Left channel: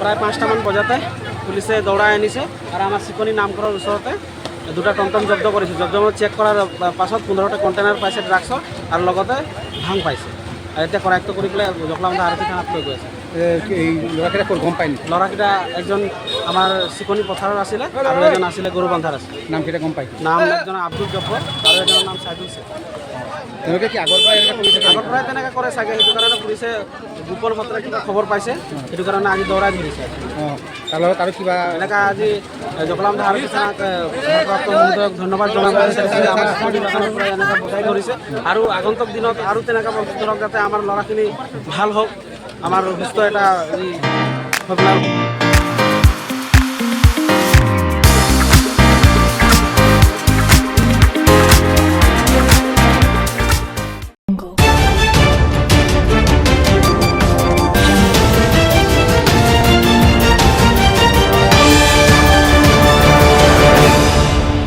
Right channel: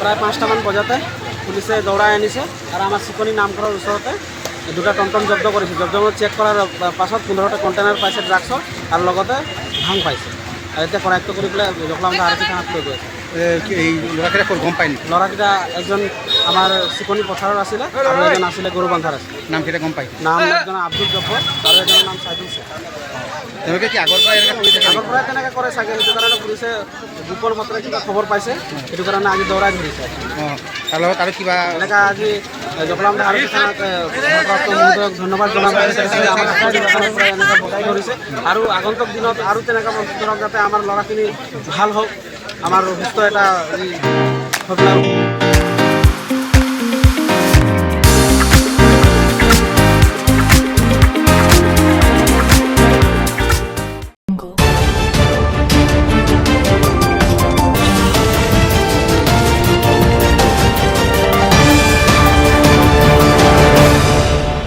প্ৰায় 5টামান বজাতে পুলিচে দৌৰাই আনিছে আৰু আমাৰ চিকনি নামঘৰৰ ওচৰতে দুটা টমটম জব্দ কৰিছে। জব্দ চেক কৰাৰ পাছত 15টা কণ্টেইনাৰ পাইছে ড্ৰাগছৰ আৰু লগতে ভাং পাইছে। আৰু এতিয়া কৰায়ত্ব কৰি পেলাই জখলাবন্ধা আৰক্ষী থানাত লৈ গৈ আছে। এই ল'ৰাকেইটা ক'ত গম পায় নেকি? ল'ৰাকেইটা এজন আমাৰ চিকনি পথাৰৰ আছিলে আৰু এজন আছিলে গৰু বান্ধাৰ আছিলে। নামকেইটা গম পায়? নাম এজনৰ আব্দুল জব্বৰ আৰু এজনৰ নাম চাইদুল শেখ। তেওঁলোকে কি আগৰ পৰাই এনেকৈ কৰি থাকে? আগৰ পৰাই তেনেকৈ কৰে চাগে, সেইটো কাৰণে পুলিচে গোপন সূত্ৰে কিবা খবৰ পাইছে, সেইটো কাৰণে আজি দৌৰাই ধৰিছে। অঁ, তাৰ লগত আৰু কিবা এনেকৈ আজি জখলাবন্ধা আৰক্ষী থানাক ভাৰপ্ৰাপ্ত মহোদয়ক ধন্যবাদ জনাব বিচাৰিছে যে আমাৰ বাগানৰ পৰা এনেকৈ বস্তু ধৰিছে আৰু আগন্তুক দিনত আৰু তেনেকুৱা বস্তু ধৰক যাতে আমাৰ ল'ৰাখিনি ভাল হওক, আমাৰ সুস্থ এটা